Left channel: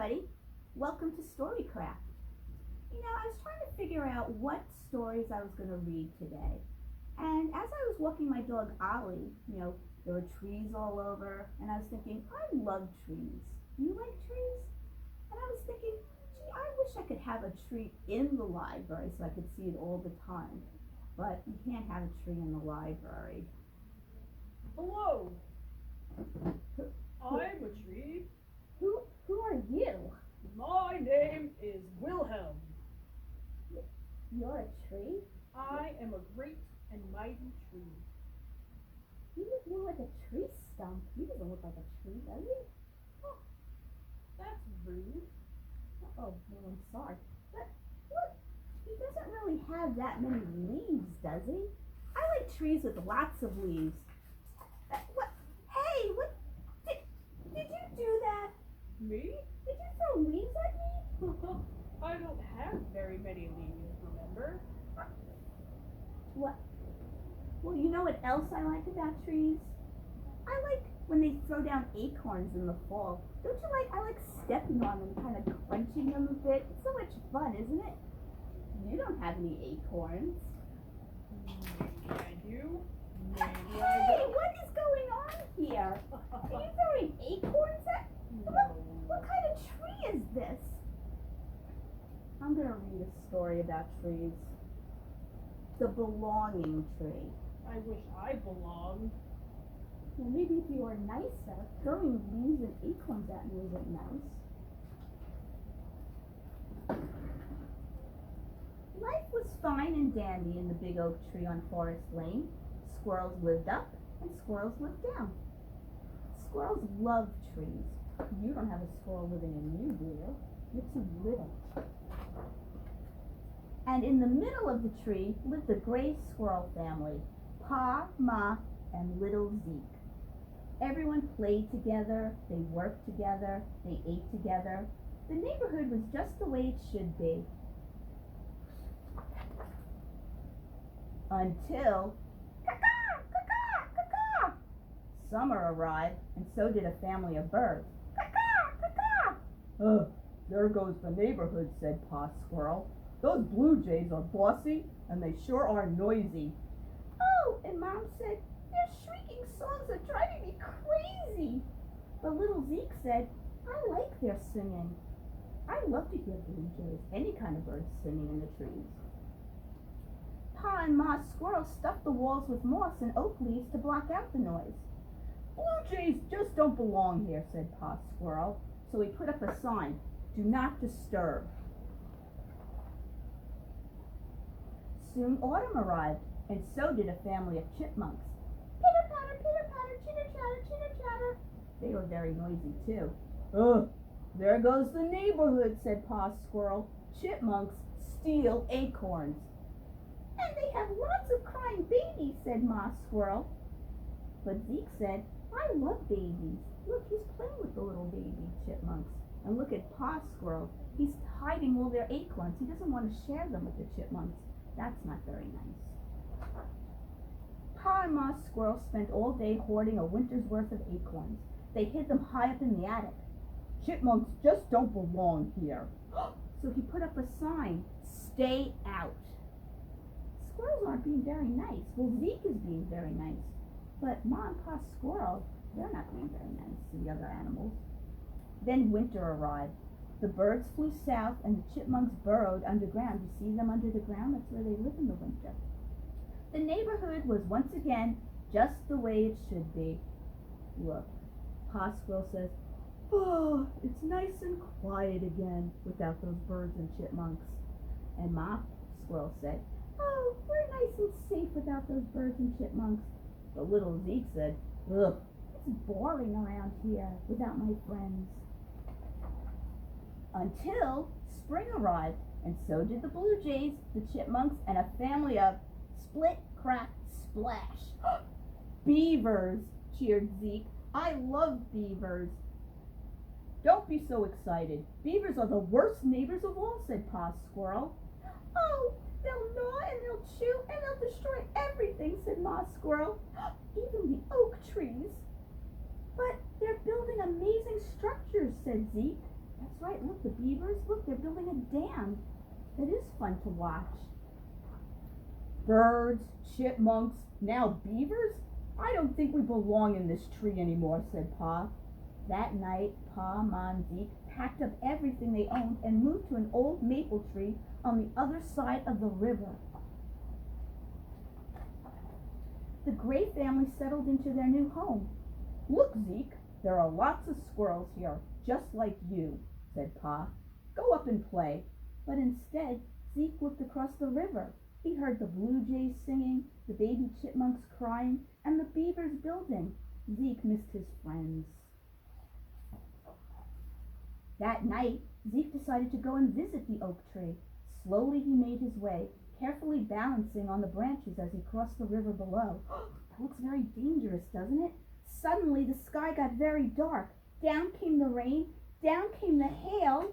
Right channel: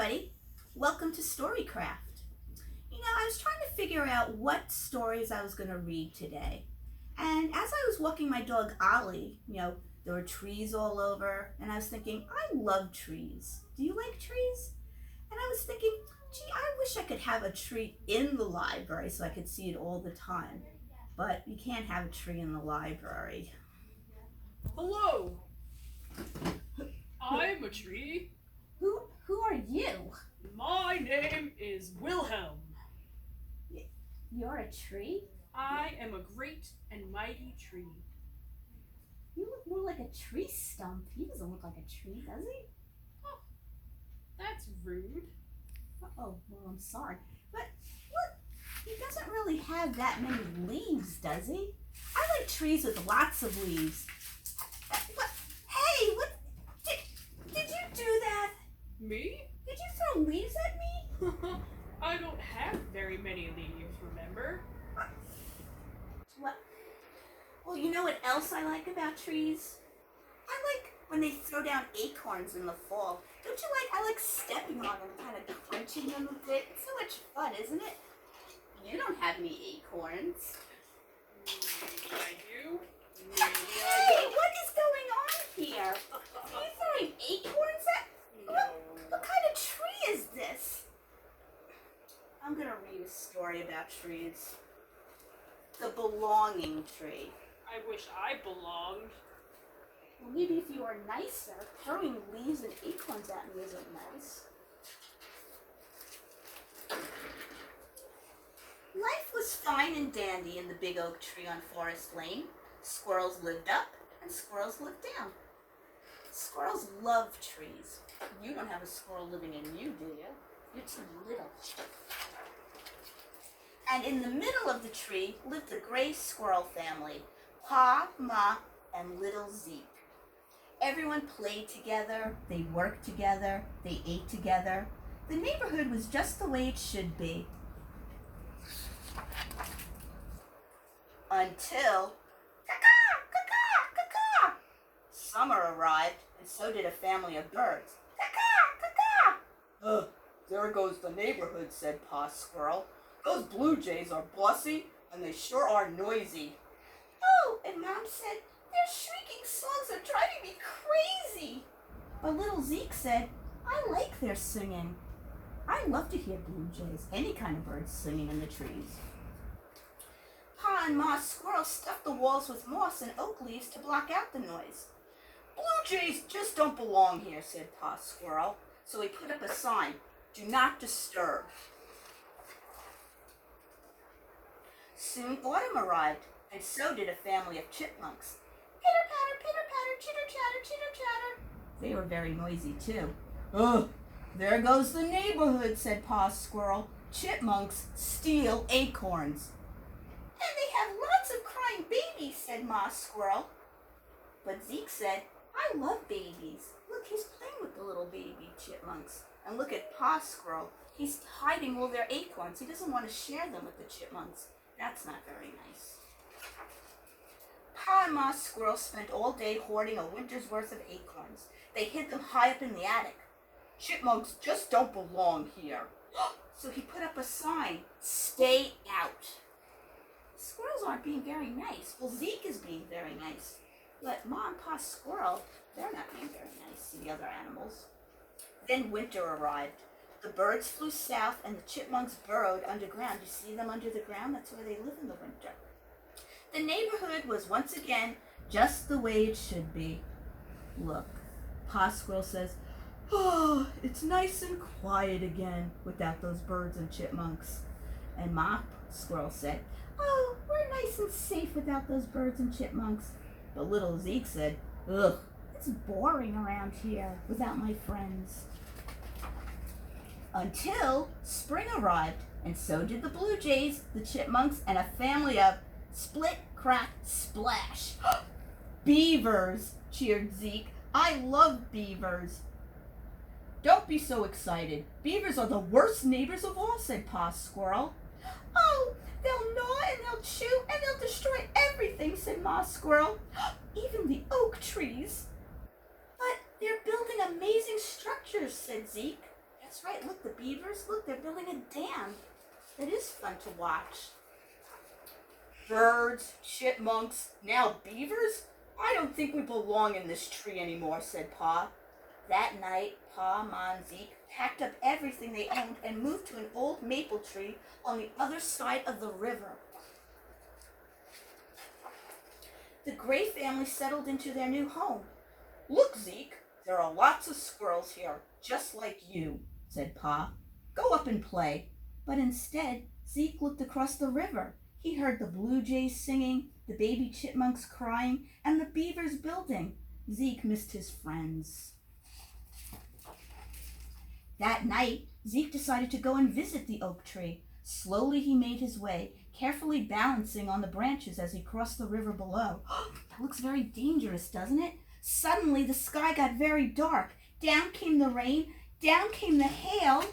everybody. Welcome to Storycraft. I was trying to figure out what stories I was going to read today. And as I was walking my dog Ollie, there were trees all over, and I was thinking, I love trees. Do you like trees? And I was thinking, gee, I wish I could have a tree in the library so I could see it all the time. But you can't have a tree in the library. Hello. I'm a tree. Who are you? My name is Wilhelm. You're a tree? I am a great and mighty tree. You look more like a tree stump. He doesn't look like a tree, does he? Oh, that's rude. Oh, well, I'm sorry. But look, he doesn't really have that many leaves, does he? I like trees with lots of leaves. What? Hey, what? Did you do that? Me? Did you throw leaves at me? I don't have very many leaves, remember? What? Well, you know what else I like about trees? I like when they throw down acorns in the fall. Don't you like? I like stepping on them, kind of crunching them a bit. It's so much fun, isn't it? You don't have any acorns. I do. Maybe Hey, I don't. what is going on here? Are you throwing acorns at? No. What kind of tree is this? I'm gonna read a story about trees. The belonging tree. I wish I belonged. Well, maybe if you were nicer. Throwing leaves and acorns at me isn't nice. Life was fine and dandy in the big oak tree on Forest Lane. Squirrels lived up and squirrels lived down. Squirrels love trees. You don't have a squirrel living in you, do you? You're too little. And in the middle of the tree lived the gray squirrel family, Pa, Ma, and little Zeke. Everyone played together, they worked together, they ate together. The neighborhood was just the way it should be. Until summer arrived, and so did a family of birds. Ugh, there goes the neighborhood, said Pa Squirrel. Those blue jays are bossy, and they sure are noisy. Oh, and Mom said, their shrieking songs are driving me crazy. But little Zeke said, I like their singing. I love to hear blue jays, any kind of birds singing in the trees. Pa and Ma Squirrel stuffed the walls with moss and oak leaves to block out the noise. Blue jays just don't belong here, said Pa Squirrel. So he put up a sign, do not disturb. Soon autumn arrived, and so did a family of chipmunks. Pitter patter, chitter chatter. They were very noisy too. Ugh, there goes the neighborhood, said Pa Squirrel. Chipmunks steal acorns. And they have lots of crying babies, said Ma Squirrel. But Zeke said, I love babies. Look, he's playing with the little baby chipmunks. And look at Pa Squirrel. He's hiding all their acorns. He doesn't want to share them with the chipmunks. That's not very nice. Pa and Ma Squirrel spent all day hoarding a winter's worth of acorns. They hid them high up in the attic. Chipmunks just don't belong here. So he put up a sign, stay out. Squirrels aren't being very nice. Well, Zeke is being very nice. But Ma and Pa Squirrel, they're not being very nice to the other animals. Then winter arrived. The birds flew south and the chipmunks burrowed underground. You see them under the ground? That's where they live in the winter. The neighborhood was once again just the way it should be. Look, Pa Squirrel says, oh, it's nice and quiet again without those birds and chipmunks. And Ma Squirrel said, oh, we're nice and safe without those birds and chipmunks. But little Zeke said, ugh, it's boring around here without my friends. Until spring arrived, and so did the blue jays, the chipmunks, and a family of split, crack, splash. Beavers, cheered Zeke. I love beavers. Don't be so excited. Beavers are the worst neighbors of all, said Pa Squirrel. Oh, they'll gnaw and they'll chew and they'll destroy everything, said Ma Squirrel. Even the oak trees. But they're building amazing structures, said Zeke. That's right. Look, the beavers. Look, they're building a dam. It is fun to watch. Birds, chipmunks, now beavers? I don't think we belong in this tree anymore, said Pa. That night, Pa, Ma, and Zeke packed up everything they owned and moved to an old maple tree on the other side of the river. The Gray family settled into their new home. Look, Zeke, there are lots of squirrels here, just like you, said Pa. Go up and play. But instead, Zeke looked across the river. He heard the blue jays singing, the baby chipmunks crying, and the beavers building. Zeke missed his friends. That night, Zeke decided to go and visit the oak tree. Slowly he made his way, carefully balancing on the branches as he crossed the river below. That looks very dangerous, doesn't it? Suddenly the sky got very dark. Down came the rain, down came the hail.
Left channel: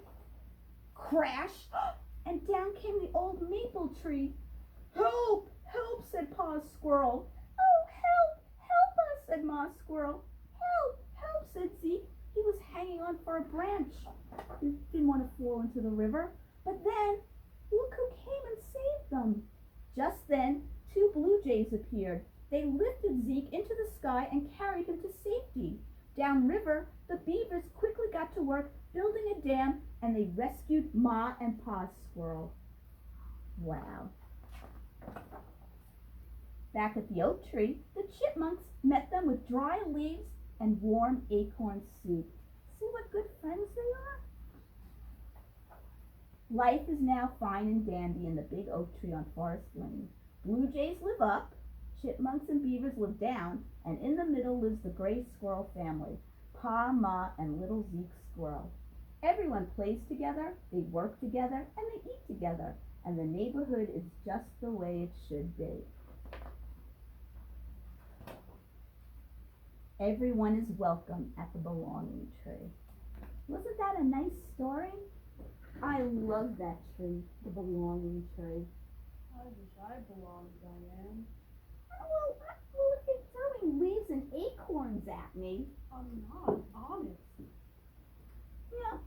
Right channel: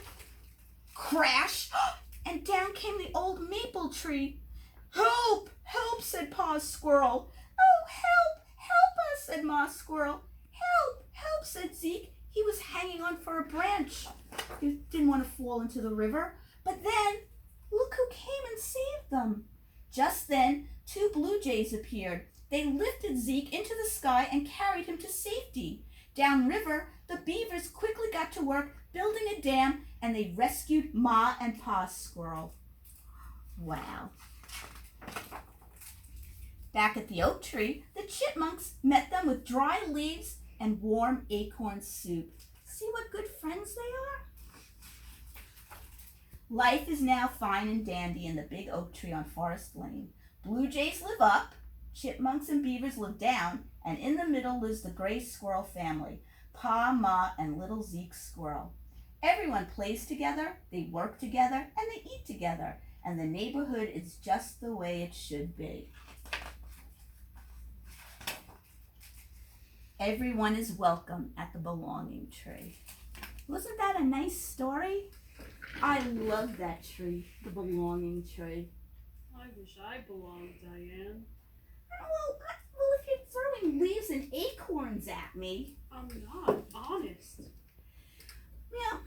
Crash! And down came the old maple tree. Help! Help! Said Pa's squirrel. Oh, help! Help us! Said Ma's squirrel. Help! Help! Said Zeke. He was hanging on for a branch. He didn't want to fall into the river. But then, look who came and saved them. Just then, 2 blue jays appeared. They lifted Zeke into the sky and carried him to safety. Downriver, the beavers quickly got to work building a dam, and they rescued Ma and Pa's squirrel. Wow. Back at the oak tree, the chipmunks met them with dry leaves and warm acorn soup. See what good friends they are? Life is now fine and dandy in the big oak tree on Forest Lane. Blue jays live up, chipmunks and beavers live down, and in the middle lives the gray squirrel family, Pa, Ma, and little Zeke squirrel. Everyone plays together, they work together, and they eat together, and the neighborhood is just the way it should be. Everyone is welcome at the belonging tree. Wasn't that a nice story? I love that tree, the belonging tree. I wish I belonged, Diane. Well, if you're throwing leaves and acorns at me. I'm not honest. Yeah,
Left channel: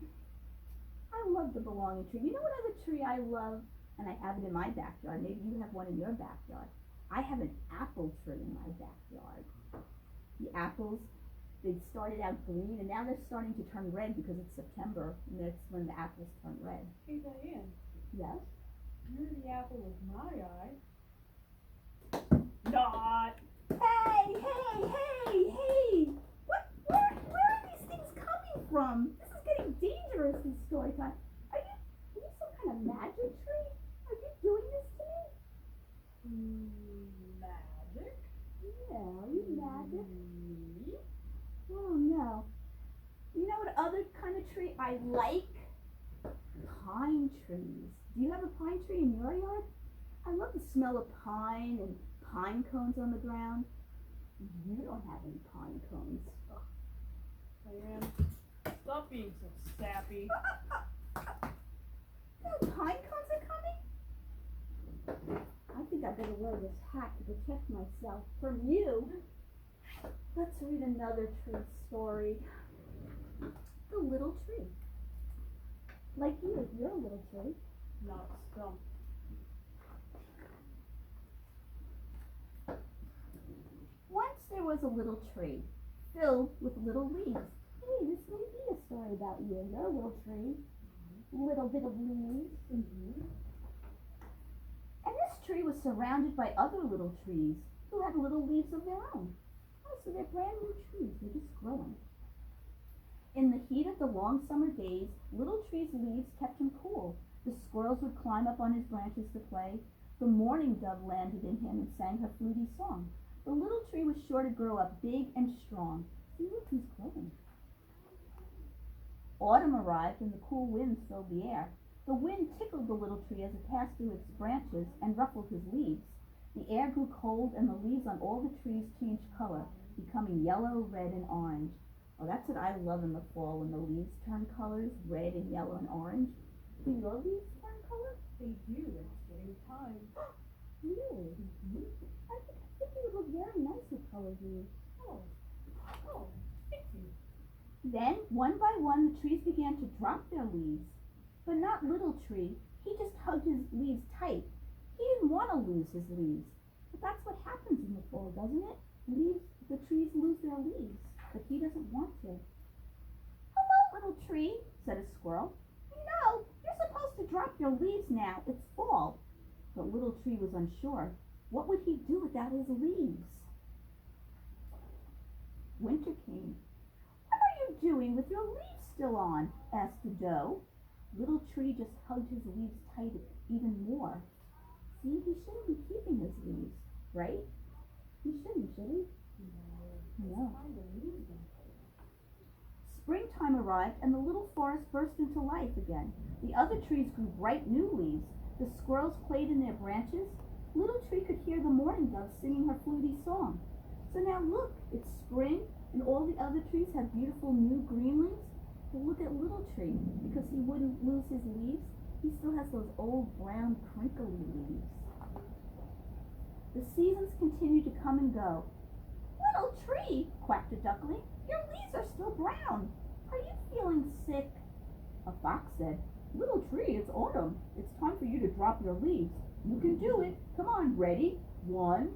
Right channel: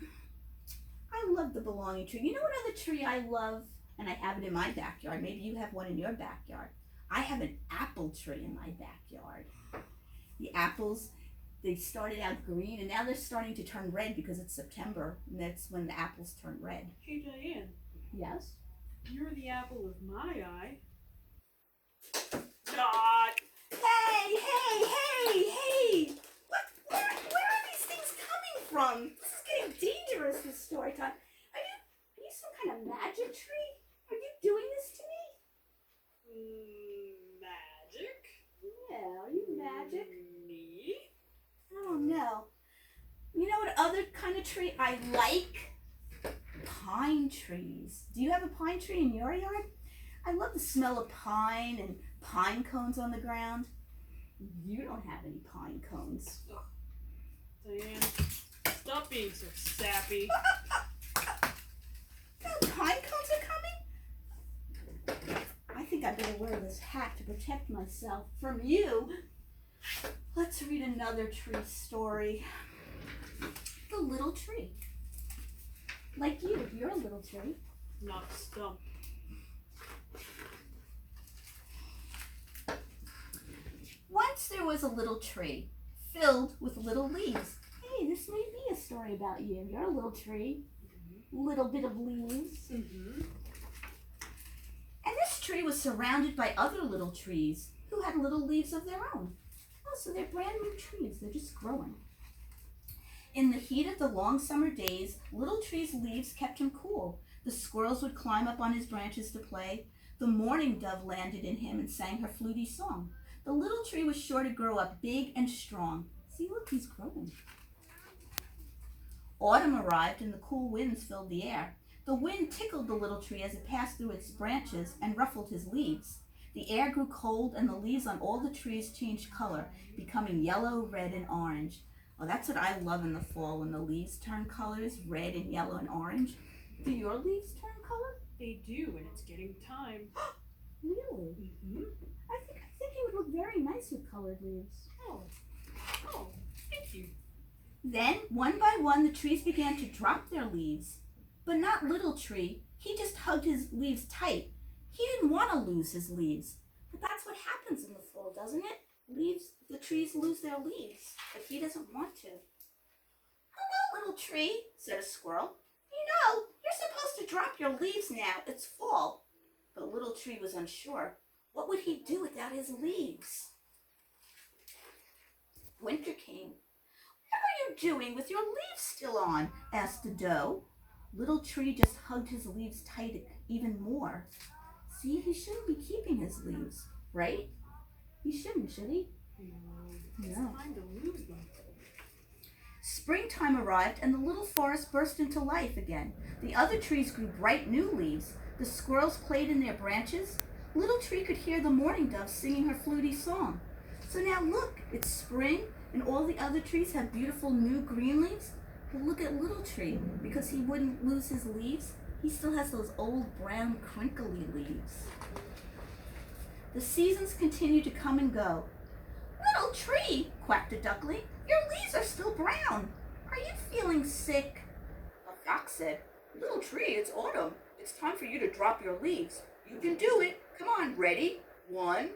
I love the belonging tree. You know what other tree I love? And I have it in my backyard. Maybe you have one in your backyard. I have an apple tree in my backyard. The apples, they started out green and now they're starting to turn red because it's September and that's when the apples turn red. Hey, Diane. Yes? You're the apple of my eye. Not. Hey! Where are these things coming from? This is getting dangerous, this story time. Are you some kind of magic tree? Are you doing this to me? Magic? Yeah, are you magic? Me? I don't know. You know what other kind of tree I like? Pine trees. Do you have a pine tree in your yard? I love the smell of pine and pine cones on the ground. You don't have any pine cones. Ugh. Diane, stop being so sappy. No pine cones are coming? I think I better wear this hat to protect myself from you. Let's read another tree story. The little tree. Like you're a little tree. Not stump. Once there was a little tree filled with little leaves. Hey, this may be a story about you. You're a little tree. Little bit of leaves. Mm-hmm. And this tree was surrounded by other little trees who had little leaves of their own. Oh, so they're brand new trees. They're just growing. In the heat of the long summer days, little tree's leaves kept him cool. The squirrels would climb up on his branches to play. The mourning dove landed in him and sang her fluty song. The little tree was sure to grow up big and strong. See, look, he's growing. Autumn arrived and the cool winds filled the air. The wind tickled the little tree as it passed through its branches and ruffled his leaves. The air grew cold and the leaves on all the trees changed color, becoming yellow, red, and orange. Oh, that's what I love in the fall, when the leaves turn colors, red and yellow and orange. Do your leaves turn color? They do, and it's getting time. Really? Mm-hmm. I think it would look very nice with colored leaves. Oh, thank you. Then, one by one, the trees began to drop their leaves. But not Little Tree. He just hugged his leaves tight. He didn't want to lose his leaves. But that's what happens in the fall, doesn't it? The trees lose their leaves, but he doesn't want to. Hello, Little Tree, said a squirrel. You know, you're supposed to drop your leaves now. It's fall. But Little Tree was unsure. What would he do without his leaves? Winter came. What are you doing with your leaves still on? Asked the doe. Little Tree just hugged his leaves tight even more. See, he shouldn't be keeping his leaves, right? He shouldn't, should he? No. Springtime arrived and the little forest burst into life again. The other trees grew bright new leaves. The squirrels played in their branches. Little Tree could hear the mourning dove singing her fluty song. So now look, it's spring and all the other trees have beautiful new green leaves. But look at Little Tree. Because he wouldn't lose his leaves, he still has those old brown crinkly leaves. The seasons continued to come and go. Little Tree, quacked a duckling, your leaves are still brown. Are you feeling sick? A fox said, Little Tree, it's autumn. It's time for you to drop your leaves. You can do it. Come on, ready? 1,